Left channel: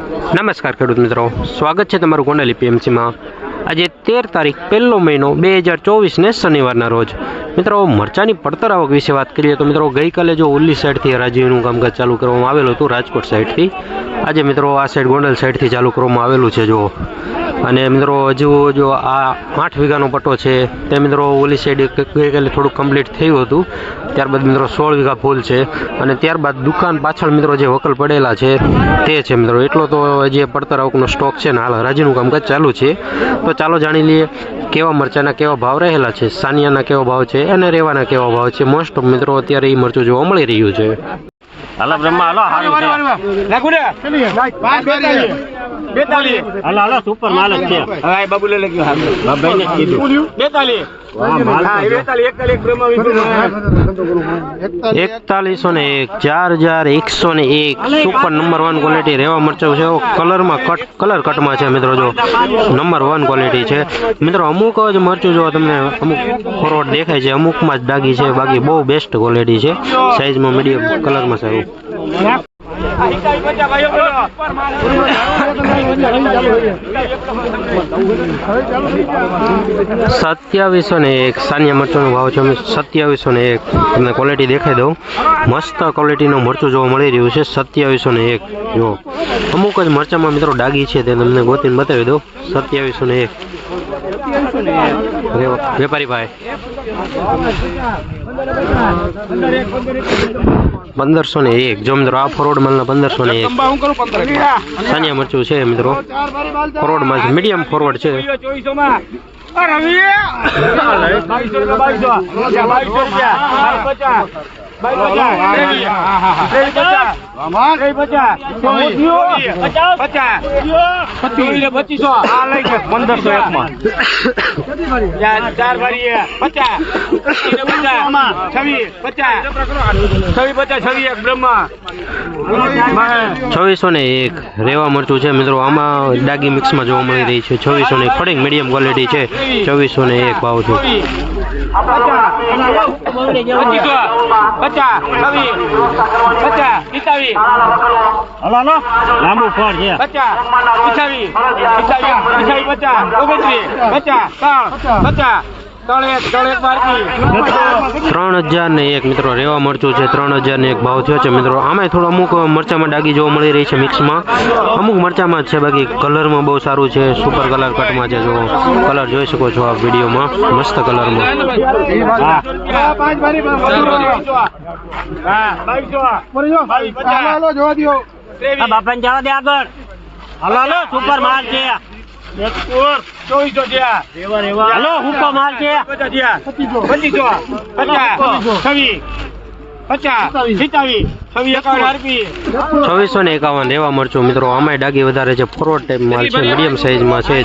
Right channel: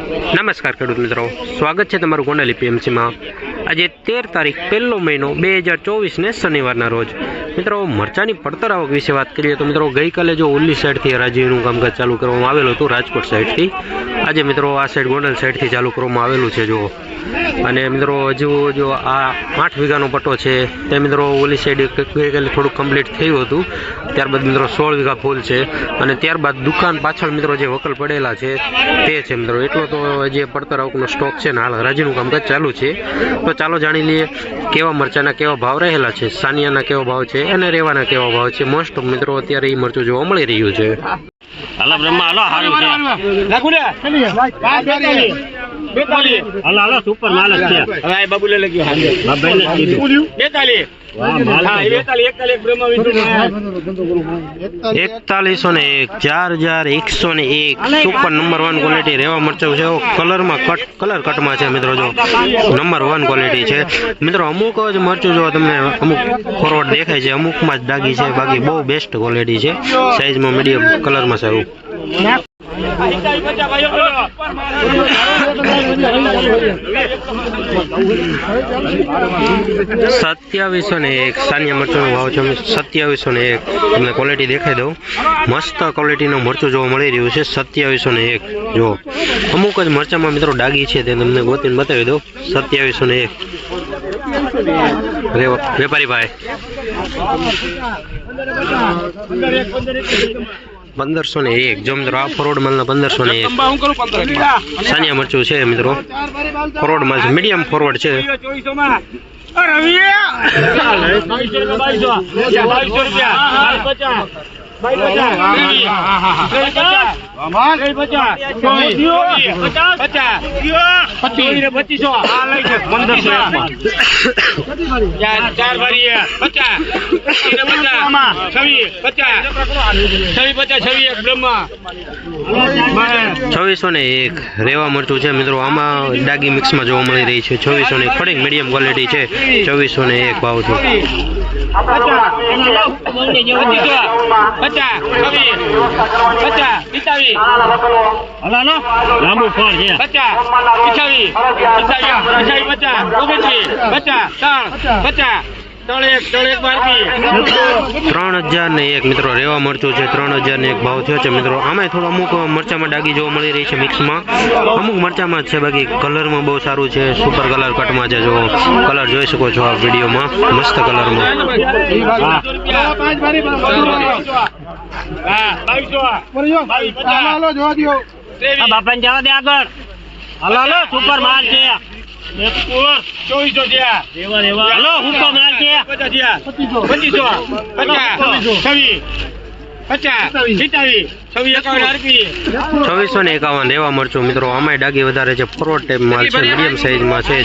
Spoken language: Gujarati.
નમસ્કાર ખેડૂત મિત્રો. સ્વાગત છે તમારું ગોંડલ પીએમસીમાં આજે તેર તારીખ પહેલો મહિનો બે હજાર ચોવીસને શનિવારના રોજ. મિત્રો, મરચાની પડતર આવક વિશે વાત કરીએ તો મિત્રો, ગઈકાલે જો ઉલ્લી સાઈડથી હરાજીનું કામકાજ ચાલુ કરવામાં આવેલું હતું, રાજકોટ સાઈડથી. આજે મિત્રો, આ સાઈડ ગોંડલ સાઈડથી ચાલુ કરવામાં આવેલું છે જો અને મિત્રો હજુ જો આ આઠ વીઘાનો પટ્ટો છે તે મિત્રો ઓલી સાઈડ ગઈકાલે થોડુંક કમ્પ્લીટ થયું હતું. ત્યારબાદ મિત્રો સોળ વીઘા ફૂલ છે. અને ત્યારબાદ દુકાન પાછળ મિત્રો જે વકલ પડેલા છે તે છે મિત્રો. એટલો તો જે પડતર આવકનો સ્ટોક છે ને હાલ હરાજીનું કામકાજ ચાલુ છે. તો ચાલો જાણી લઈએ કેવા મરચાના કેવા ભાવ રહેલા છે સાનિયાના કેવા ભાવ છે અને રેવાના કેવા ભાવ છે. મોસ્ટ ઓફ મિત્રો અત્યારે એ મરચું જોવા મળી રહ્યું છે. હાલો બ્રહ્મા હાલો હારું છે. બેતાલીસ. બેતાલીસ. હાલો હાલો સુપર માલ જ છે. હા બાબુ લખ્યું હા, ભાઈને કીધું. બેતાલીસ. વાહ, માલ હા તો એ જો. બેતાલીસ એકતાલીસ ને એક ચાર હજાર એકસો ને એક. સુપર નંબર વન ક્વોલિટી રેવા મરચાં છે કલરમાં કટ કલર કટમાં છે મિત્રો જો. નંબર વન ક્વોલિટી છે. મિત્રો અમુક જ મરચું જો તમને અમુક ફોરવર્ડ દેખાય છે અમુકમાં જ ડાગી છે. બાકી બહુ બેસ્ટ ક્વોલિટી છે. સાઇઝમાં મીડિયમ કલરમાં સારું. સત્યાવીસો ને એક, સાનિયા મરચાંનો ભાવ છે. સત્યાવીસો ને એક, તમને ક્વોલિટી દેખાઈ દઉં. મસ્ત ક્વોલિટીનું મરચું જોવા મળી રહ્યું છે. સત્યાવીસો ને એક. જો, અમુક જ મરચાંમાં મિત્રો ડાગી છે તે તમને ગોતીને બતાવી દઉં. સત્યાવીસો ને એક. વેપારી ભાઈ. પંદરસો ને એક. જો મિત્રો, આ ફોરવર્ડ માલના પંદરસો ને એક. સાનિયા મરચું છે મિત્રો. ફોરવર્ડ માલ છે. મીડિયમ ફોરવર્ડ છે. માં બાવીસો રૂપિયા બાવીસ પચાસ. ત્રેવીસ ત્રેવીસ પચાસ. પચાસ. પચાસ. પચીસ. પચીસો. આ લઈ છે પંદરસો એકમાં ચાર ભરીએ પચાસ. પચાસ. છવ્વીસ. પચાસ. છવ્વીસ પચાસ છવ્વીસ. એક બ્રહ્મા. છવ્વીસો ને એક રેવા મરચું છે મિત્રો આમાં ડાગી મિક્સમાં જોવા મળી રહી છે છવ્વીસો ને થોડીક મીડિયમ ક્વોલિટી છે ચોવીસો ને એક ભાવ છે છવ્વીસ લાંબુ ફળ છે પચાસ ત્રણ એક ત્રણ એક બારકી ત્રણ હજાર ને એક મિત્રો રેવા મરચું છે ત્રણ હજાર ને એક ભાવ થયો છે મિત્રો. આમાં થોડું અમુક મરચામાં ડાગી જોવા મળી રહી છે મિક્સમાં. અમુક મરચામાં જ છે બાકી કલરમાં બહુ સારું છે સુપર કલર કટમાં છે જો કલર જોઈ શકો છો આ વિડીયોમાં. મસ્ત કલરમાં. બાપા જવા દે આગળ. હાલો હાલો સુપર માલ છે. ચોવીસો થયા. રેવા રેવા. હાલો હુકો માલ છે? પચીસો પચાસ છવ્વીસ. ને એકાવન રેવા મરચું મિત્રો આમાંય ડાગી વધારે છે. ફોરવર્ડ ટાઈપ માલ છે. મીડિયમ સાઇઝમાં છે.